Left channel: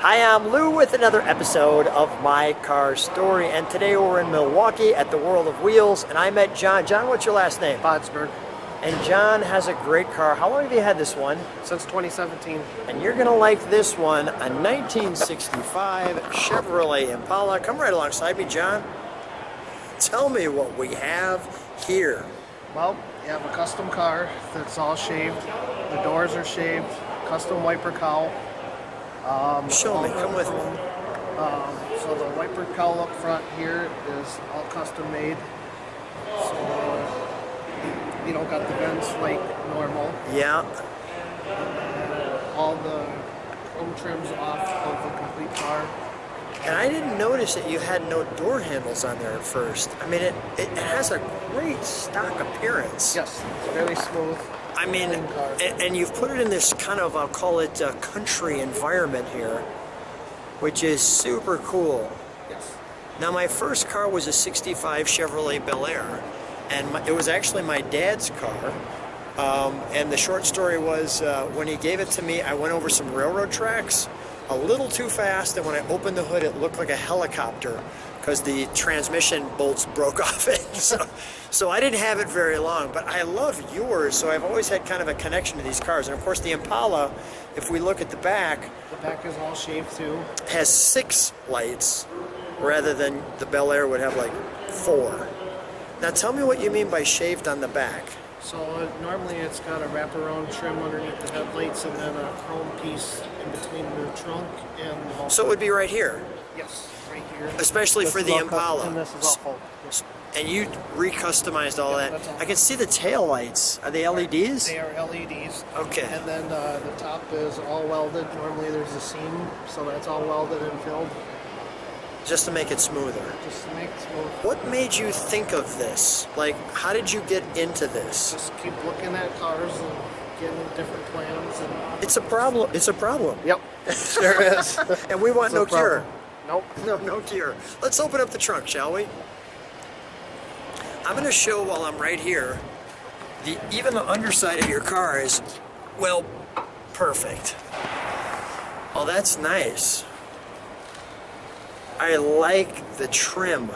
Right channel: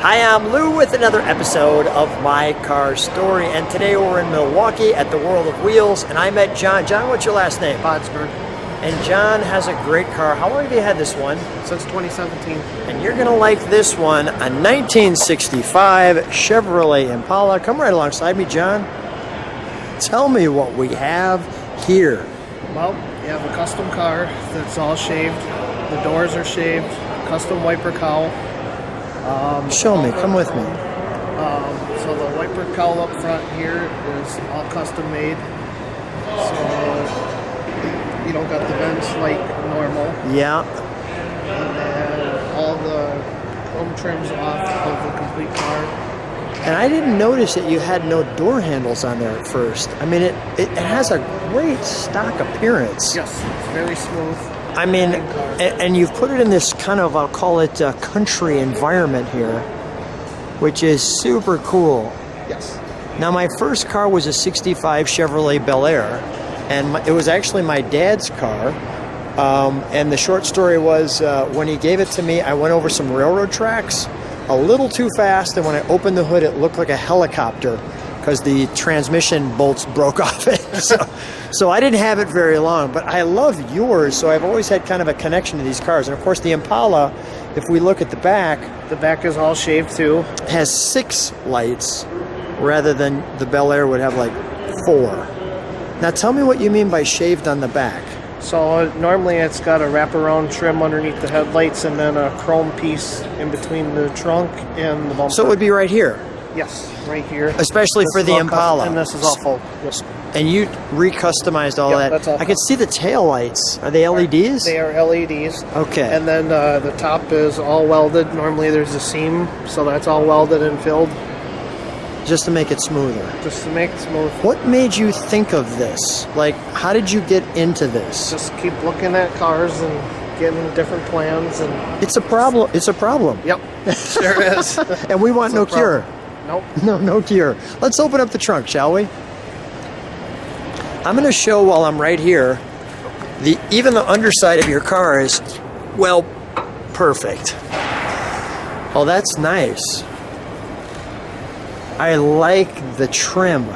Hi, I'm Lou with another episode of My Car Story, and today we're in Milwaukee at the World of Wheels, and I met John. John, what's your last name? Bodsberg. And John has a great car. How long have you had this one? Since 2017. And you're gonna like this one, a 1965 Chevrolet Impala. Come right alongside me, John. Tell me what we have here. Well, you have a custom car that's all shaved. The doors are shaved. Custom wiper cowl. Show me, come with me. So the wiper cowl up front here is all custom made. So you don't got the vents like normal. Yeah. And then all the chrome trims off of the complete car. And I didn't notice that you had no door handles on there at first. I mean, it has a great stock appearance. Yes, it's very smooth. I mean, and you've put it in this kind of, I'll call it a country environment here, which is super cool. Yes. Now, my first car was a 65 Chevrolet Bel Air, and it was actually my dad's car. And the short story was, when he gave it to me, I went over some railroad tracks a little too fast, and when I opened the hood, it looked like a helicopter because the transmission bolts broke off it. So I didn't have it very long, but I love yours, so I've always had kind of a connection to these cars. And of course, the Impala, if we look at the back is all shaved too. Has 6 lights rather than the Bel Air would have like 4. Now tell me what you mean by shaved on the back. So normally it's got a wraparound trim underneath the headlights and then a chrome piece in between the trunk and the bumper. So it would be right here? Yes, right here. Especially this for the Impala. And this is all full. Yes. And you re-customized all that. That's all. I can see the tail lights. Are they LEDs? They are LEDs. Okay. And then the top is all welded. Normally there's a seam, so that's all welded and filled. Just to make it smoother. Just to make it smooth. What made you think of this? Like, how did you get into this? Just keep looking at cars and getting different plans. And it's a problem. It's a problem. Yep, sure is. And we want no cure. Nope. No cure. Let's open up the trunk, shall we? I'm going to show while I'm right here, even the underside of your car is, well, perfect. Oh, that's nice. I like the trim.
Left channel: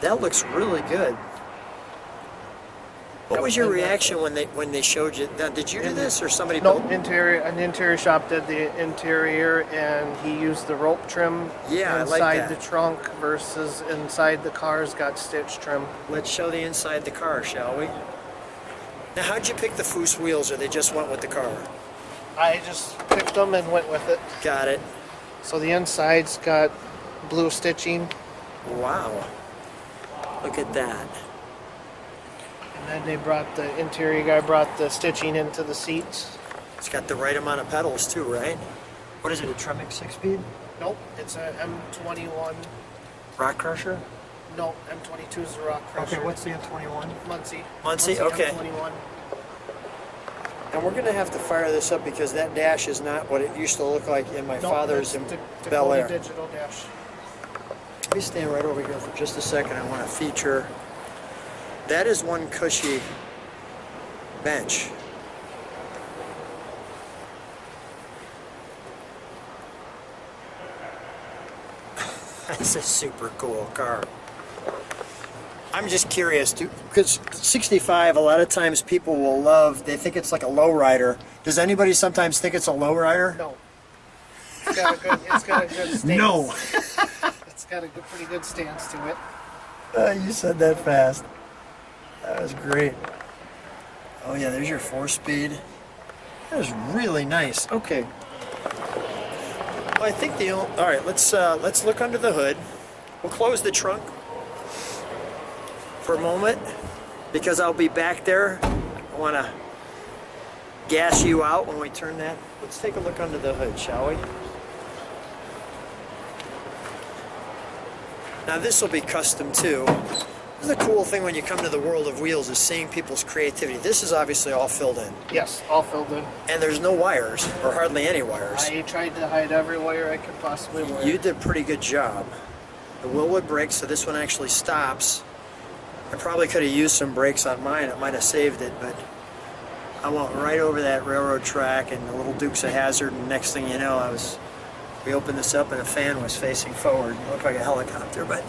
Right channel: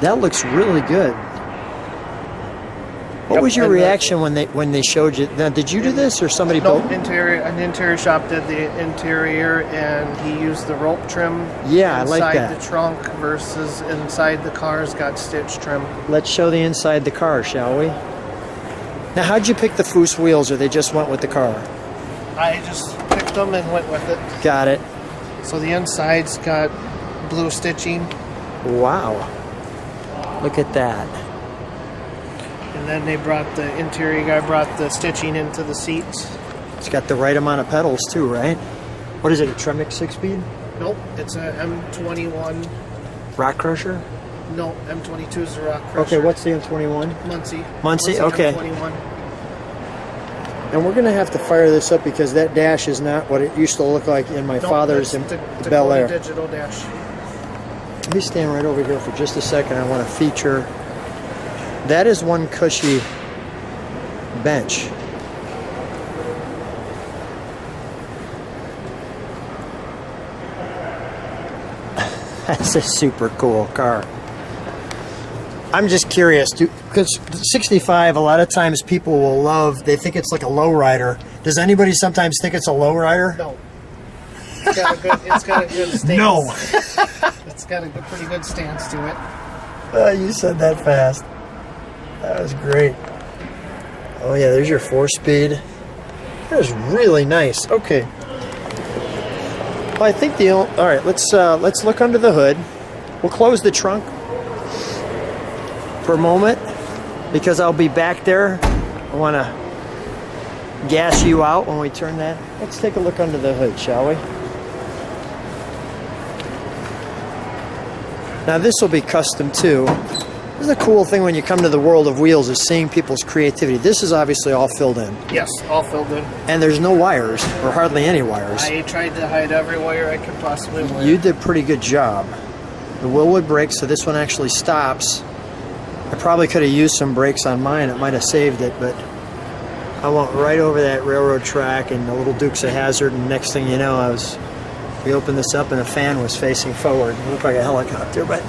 That looks really good. What was your reaction when they showed you? Did you do this or somebody? No, an interior shop did the interior, and he used the rope trim inside the trunk versus inside the car's got stitch trim. Let's show the inside the car, shall we? Now, how'd you pick the Foose wheels, or they just went with the car? I just picked them and went with it. Got it. So the inside's got blue stitching. Wow. Look at that. And then the interior guy brought the stitching into the seats. It's got the right amount of pedals too, right? What is it, a Tremec 6-speed? Nope, it's a M21. Rock Crusher? No, M22 is a Rock Crusher. Okay, what's the M21? Muncie, okay. M21. And we're going to have to fire this up because that dash is not what it used to look like in my father's Bel Air. Digital dash. Let me stand right over here for just a second. I want to feature. That is one cushy bench. That's a super cool car. I'm just curious, because 65, a lot of times people will they think it's like a lowrider. Does anybody sometimes think it's a lowrider? No. It's got a good stance. No. It's got a pretty good stance to it. You said that fast. That was great. Oh yeah, there's your 4-speed. That was really nice. Okay. Well, I think all right. Let's look under the hood. We'll close the trunk for a moment because I'll be back there. I want to gas you out when we turn that. Let's take a look under the hood, shall we? Now this will be custom too. This is a cool thing when you come to the World of Wheels is seeing people's creativity. This is obviously all filled in. Yes, all filled in. And there's no wires, or hardly any wires. I tried to hide every wire I could possibly wire. You did a pretty good job. The Willwood brakes, so this one actually stops. I probably could have used some brakes on mine. It might have saved it, but I went right over that railroad track and the little Dukes of Hazzard, and next thing you know, I was We opened this up and the fan was facing forward. It looked like a helicopter, but...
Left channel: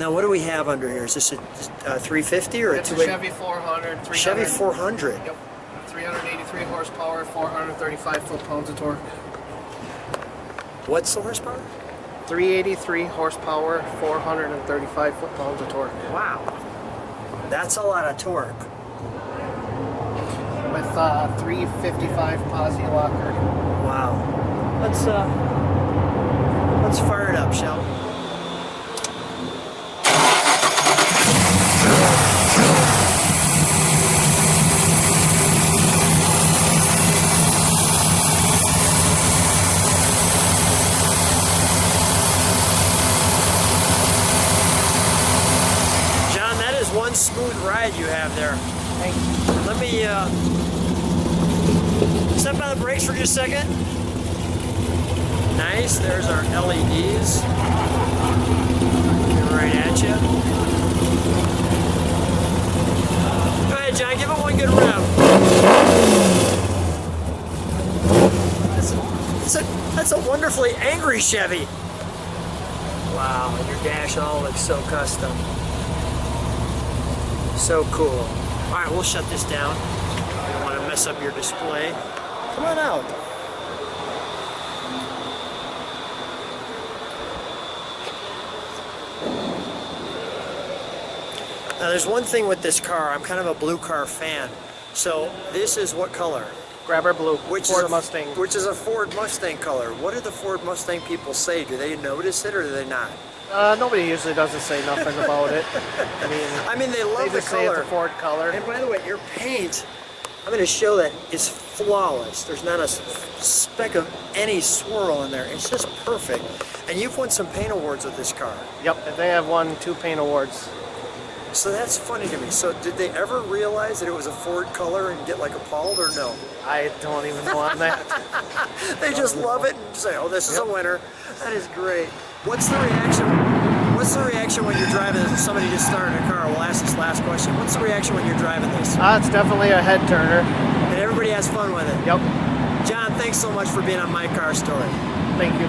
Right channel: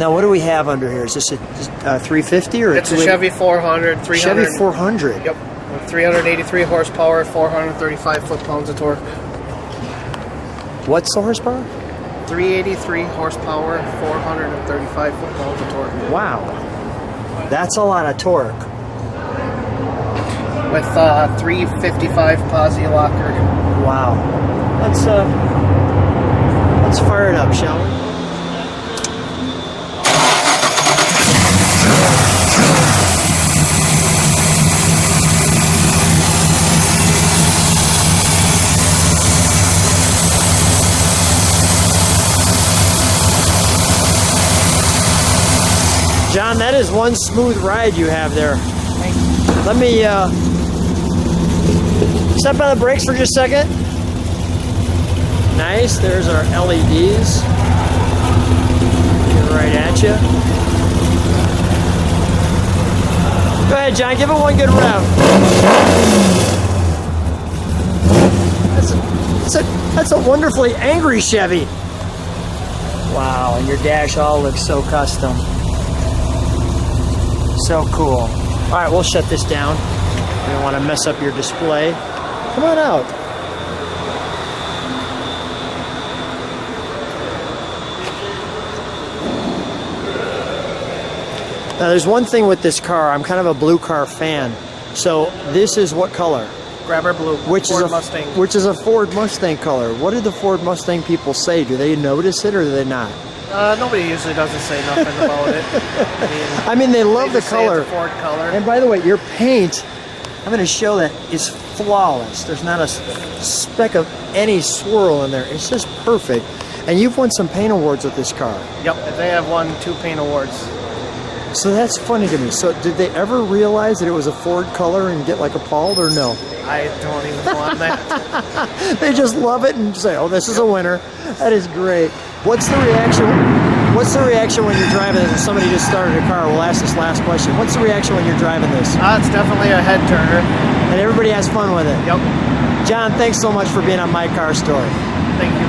Now, what do we have under here? Is this a 350 or It's a Chevy 400, 300. Chevy 400. Yep, 383 horsepower, 435 foot-pounds of torque. What's the horsepower? 383 horsepower, 435 foot-pounds of torque. Wow. That's a lot of torque. With 355 posi locker. Wow. Let's fire it up, shall we? John, that is one smooth ride you have there. Thank you. Let me step on the brakes for just a second. Nice, there's our LEDs. Right at you. Go ahead, John, give it one good round. That's a wonderfully angry Chevy. Wow, and your dash all looks so custom. So cool. All right, we'll shut this down. I don't want to mess up your display. Come on out. Now, there's one thing with this car. I'm kind of a blue car fan. So this is what color? Grabber blue, Ford is Mustang. Which is a Ford Mustang color. What did the Ford Mustang people say? Do they notice it or do they not? Nobody usually doesn't say nothing about it. I mean, they love They the just say it's a color. Ford color. And by the way, your paint, I'm going to show that it's flawless. There's not a speck of any swirl in there. It's just perfect. And you've won some paint awards with this car. Yep, they have won 2 paint awards. So that's funny to me. So did they ever realize that it was a Ford color and get like appalled or no? I don't even know on that. They just love it and say, oh, this is a winner. That is great. What's the reaction? What's the reaction when you're driving it and somebody just starting your car? We'll ask this last question. What's the reaction when you're driving this? It's definitely a head turner. And everybody has fun with it. Yep. John, thanks so much for being on My Car Store. Thank you.